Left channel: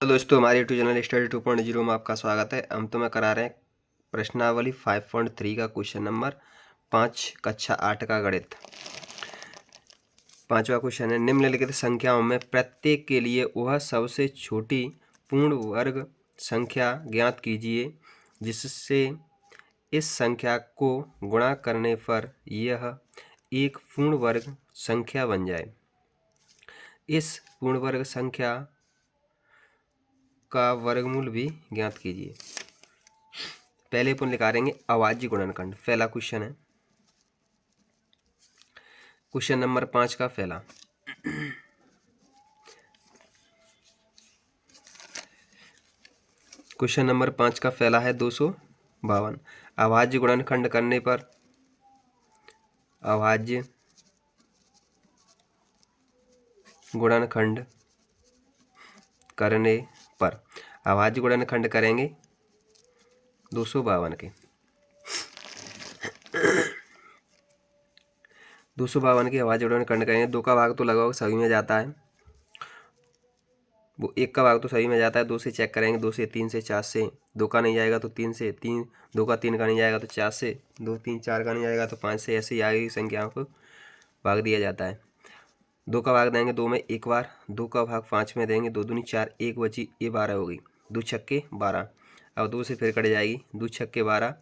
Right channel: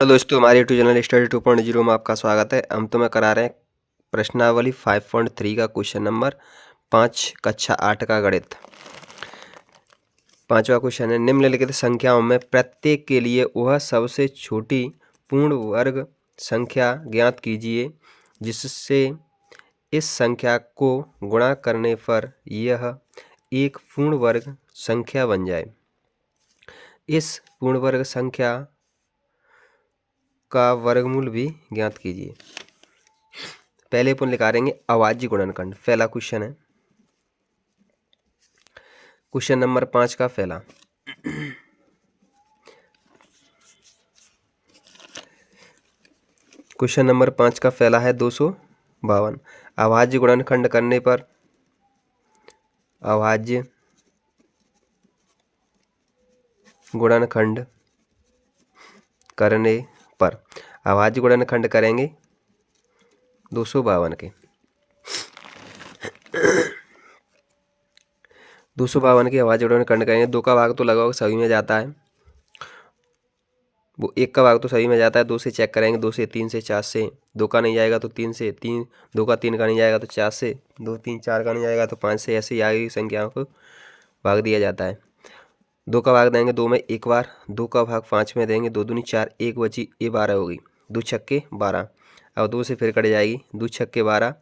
Hello दोस्तों, हमारे YouTube channel study 2.0 में आपका स्वागत है। हम तुम्हें करा रहे हैं प्रश्नावली 5.3 का क्वेश्चन नंबर 5 कक्षा 8 का गणित। पांचवा क्वेश्चन है, निम्नलिखित संख्याओं में प्रत्येक के लिए वह सबसे छोटी पूर्ण वर्ग संख्या ज्ञात कीजिए जिससे इस संख्या को गुणा करने पर यह एक पूर्ण वर्ग संख्या बन जाए। इस पूर्ण वर्ग संख्या का वर्गमूल भी ज्ञात कीजिए। पहले अपन निकालेंगे अभाज्य गुणनखंड। पहला क्वेश्चन है, क्वेश्चन नंबर 5 का पहला। क्वेश्चन नंबर 5 का पहला है 252। अभाज्य गुणनखंड करने पर अभाज्य गुणनखंड करने पर अभाज्य गुणनखंड करेंगे 252 के। 252 के अभाज्य गुणनखंड करेंगे। 2 का भाग तो लगभग सभी में जाता है, वो 1 का भाग तो सभी में जाता है। 2 से चेक करेंगे, 2 से, 3 से, 4 से। 2 का नहीं जाएगा तो 3 से, 2 का 3 का नहीं जाएगा तो 4 से, 2 3 4 का नहीं जाएगा तो 5 से। ऐसे ही आगे की संख्याओं को भाग दिया जाता है। 2 का भाग देंगे 2 में एक बार, 2 का भाग 5 में देंगे, 2 दूनी 4, 1 बची, ये 12 होगी। 2 छक्के 12। अब 2 से फिर कट जाएगी, 2 छक्के 12,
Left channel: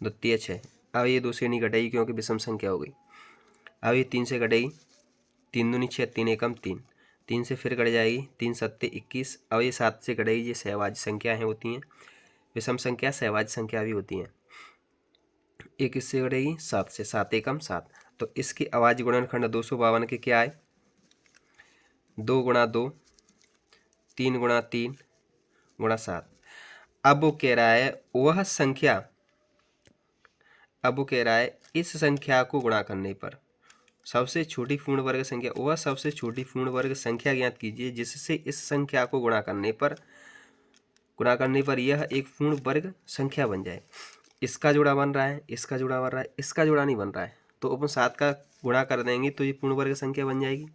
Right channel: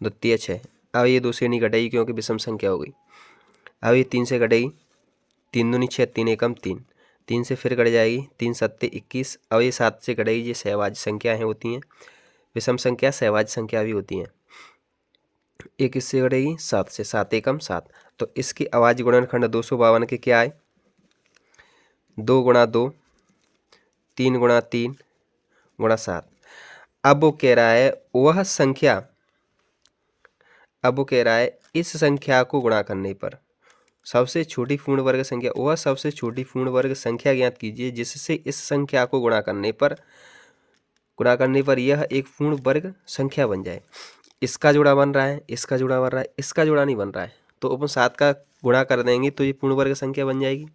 2 तिया 6। अब ये 2 से नहीं कटेगी क्योंकि विषम संख्या हो गई। अब ये 3 से कटेगी, 3 दूनी 6, 3 एकम 3, 3 से फिर कट जाएगी, 3 सत्ते 21। अब ये 7 से कटेगी। ये सहवाज्य संख्याएँ होती हैं, विषम संख्या सहवाज्य संख्या भी होती हैं। ये किससे कटेगी? 7 से, 7 एकम 7। तो इसकी अभाज्य गुणनखंड 252 के क्या आए? 2 गुणा 2, 3 गुणा 3 गुणा 7। अब वो कह रहा है वह संख्या, अब वो कह रहा है इस संख्या को गुणा करने पर सबसे छोटी पूर्ण वर्ग संख्या, वह सबसे छोटी पूर्ण वर्ग संख्या ज्ञात कीजिए जिससे इस संख्या को गुणा करने पर यह एक पूर्ण वर्ग संख्या बन जाए। इसका जोड़ा बन रहा है, इसका जोड़ा बन रहा है, इसका जोड़ा नहीं बन रहा है, तो अपन 7 का गुणा कर देंगे तो ये पूर्ण वर्ग संख्या बन जाएगी।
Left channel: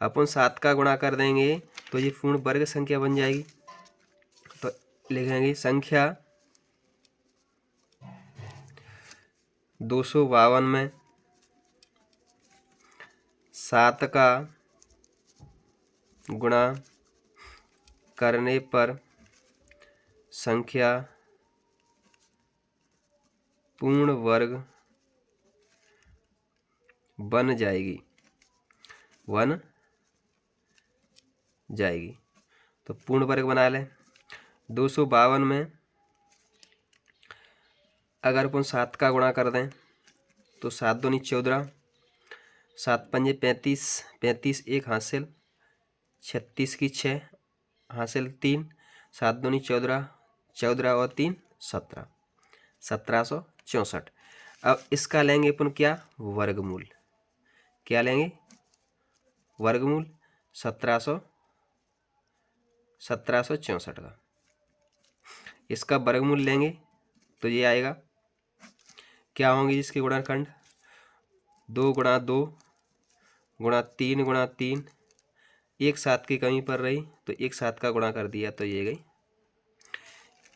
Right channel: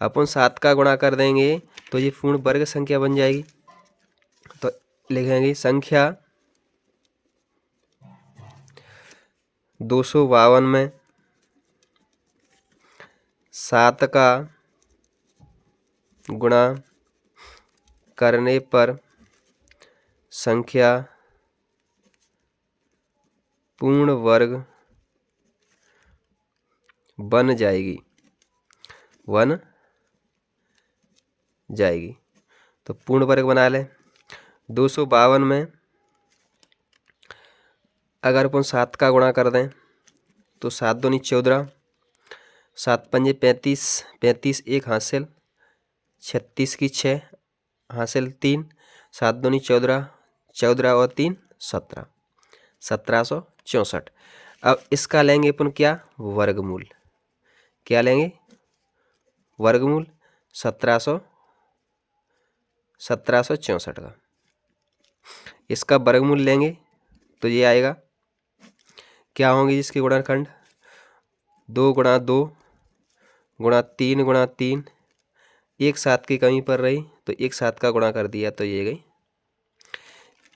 अपन 7 का गुणा कर देंगे तो ये पूर्ण वर्ग संख्या बन जाएगी। तो लिखेंगे संख्या 252 में 7 का गुणा करने पर संख्या पूर्ण वर्ग बन जाएगी, तो पूर्ण वर्ग बना लें। 252 में अगर अपन 7 का गुणा कर दें तो 7 दूनी 14, 7 पंजे 35, 35 एक हासिल, 36 की 6 हासिल 3, 7 दूनी 14, 14 और 3 17, 1764। अब इसका लेंगे अपन क्या? वर्गमूल। क्या लेंगे? वर्गमूल 1764 का। इसका वर्गमूल लेंगे तो ये आएगा, क्या होंगे इसके गुणनखंड? 2 गुणा 2 गुणा 3 गुणा 3, एक 7 की कमी पड़ रही तो एक 7 का गुणा कर दिया तो ये गई।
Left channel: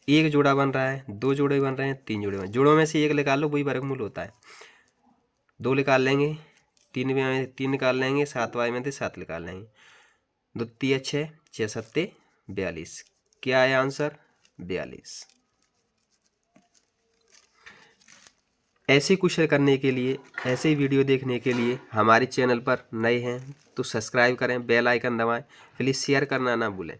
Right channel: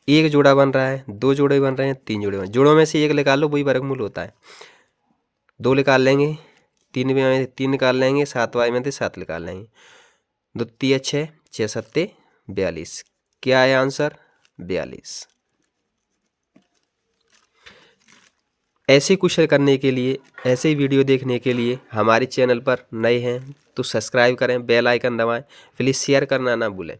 एक जोड़ा बन रहा है, 2 जोड़े बन रहे हैं, 3 जोड़े बन, जोड़ों में से एक निकाल लो, वही वर्गमूल होता है। 2 निकाल लेंगे, 3 में 3 निकाल लेंगे, 7 वाई में से 7 निकाल लेंगे, 2 तिया 6, 6 सत्ते 42। क्या है आंसर? 42। ऐसे क्वेश्चन करने के लिए, ऐसे ही वीडियो देखने के लिए हमारे चैनल पर नए हैं तो सब्सक्राइब करें, बेल आइकन दबाएं, प्लीज़ शेयर करना ना भूलें।